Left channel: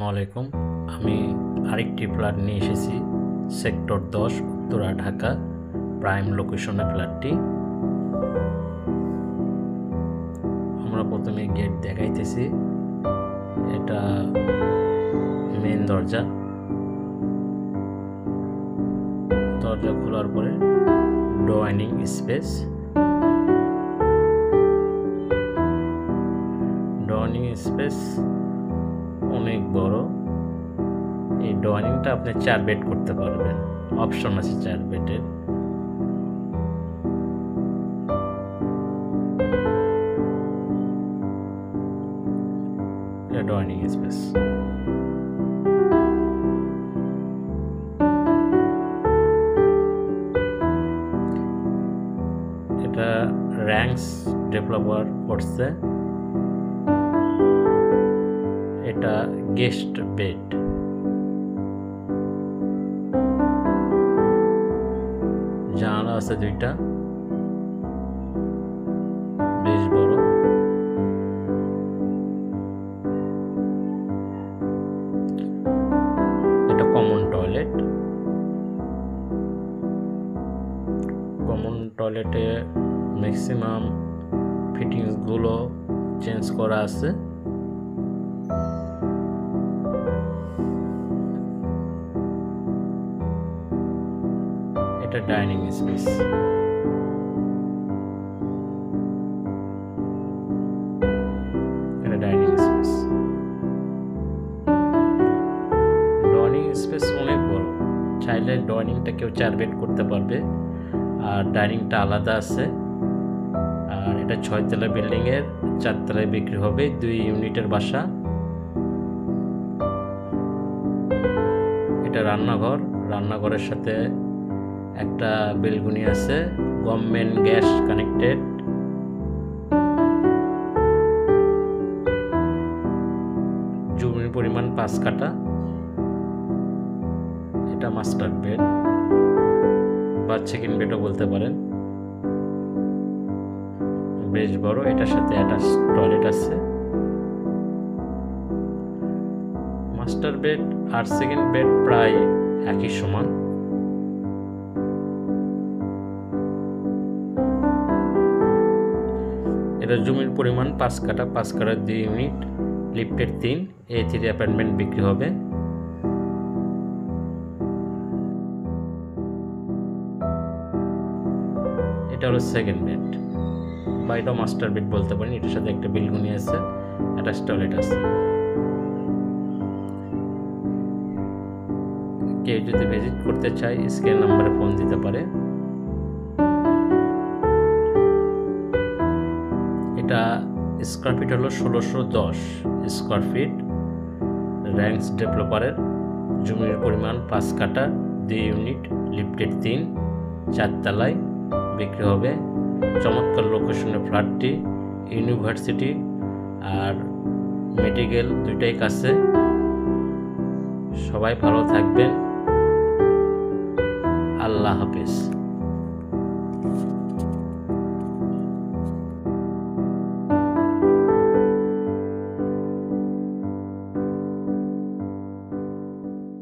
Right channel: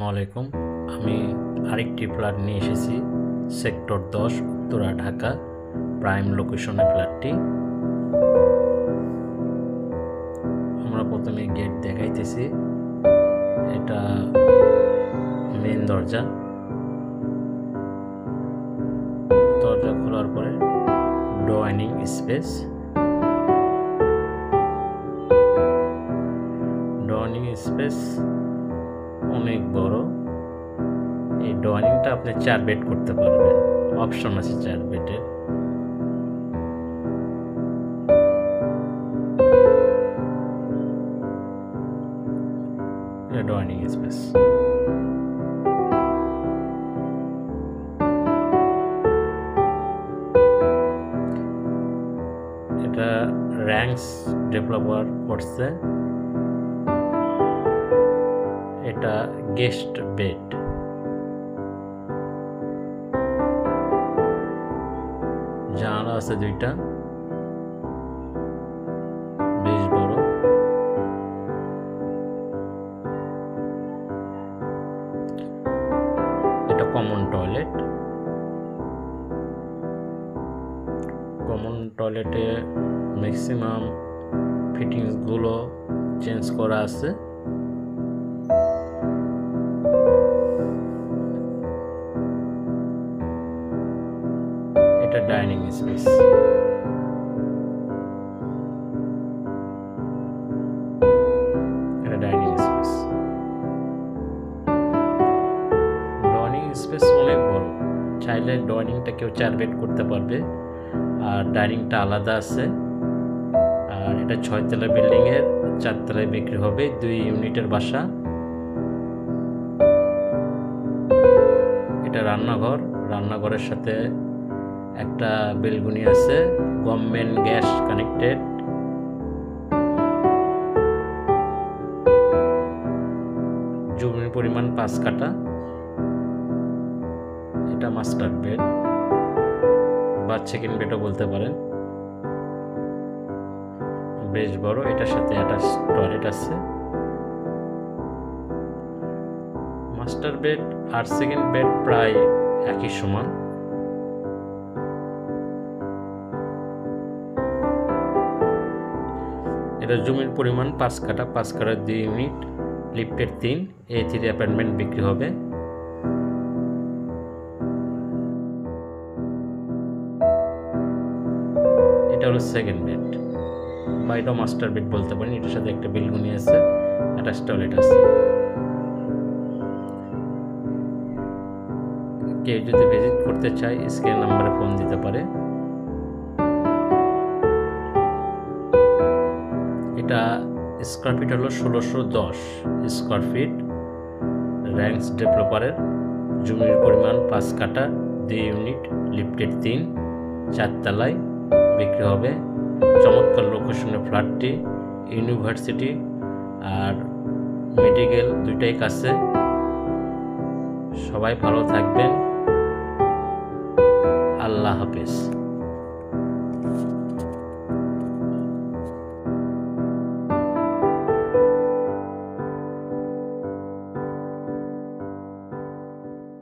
আসসালামাইকুম। আমি আরেকটি ফ্ল্যাট নিয়ে এসেছি সেক্টর 10 উত্তরা ঢাকা প্রাইম লোকেশনে ফ্ল্যাটটি। আমরা প্রথমে গেট দেখাইতেছি। এটা মেন দরজা খোলার পরে ডাইনিং স্পেস অনেক বড়। এই ডাইনিংটা আপনি 4 বেড করতে পারবেন, অপশন আছে 4 বেডের। এটা ডাইনিং স্পেস। এটা র্যাঙ্কস ডেভেলপার করছে। এটা গেস্ট বেড। জানালা আছে 2টা, বেশ বড়। এটা কমন টয়লেটে ম্যাক্সিমাম ফিটিংস গুলো চেঞ্জ করা আছে। এটা ডাইনিং স্পেস। ডাইনিং স্পেস অনেক বড়। চাইলে ডাইনিংটা কেউ 4 বেড করতে পারবে, আর ডাইনিংটা আলাদা আছে। আর এটা 6 তলা বিল্ডিং এর 4 তলায় বিক্রি হবে। 2 ইউনিটের বাসা। এটা রান্নাঘরের সাথে একটা বেলকনি আছে, গভর্নমেন্ট গ্যাস কানেক্টেড। জমির পরিমাণ 5 কাঠা। এটা মাস্টার বেড বা সেকেন্ড বেডও বলতে পারেন, বেশ বড়। এটার সাথে অ্যাটাচ টয়লেট আছে। মাস্টার বেড আর সেকেন্ড বেড প্রায় একই সমান। এটা জমির পরিমাণ 5 কাঠা। 5 কাঠার 2 ইউনিট, লিফটের 3, A3 অ্যাপার্টমেন্ট বিক্রি হবে। এটা হলো সেকেন্ড বেড বা এটা মাস্টার বেড বলতে পারেন। এটার সাথে একটা বেলকনি আছে, অ্যাটাচ টয়লেট আছে। কেউ যদি ভিজিট করতে চায় স্ক্রিন নাম্বারে ফোন দিতে পারে। এটা স্কোয়ার ফিট হলো 1610 স্কোয়ার ফিট। র্যাঙ্কস ডেভেলপারের। জমির পরিমাণ 5 কাঠা, 2 ইউনিট, লিফটেড 3, 4 তলায় বিক্রি হবে। চমৎকার লোকেশনে ফ্ল্যাটটি। ইউনিভার্সিটি আর মেডিকেল 2টাই কাছে। সবাই ভালো থাকবেন। আল্লাহ হাফেজ।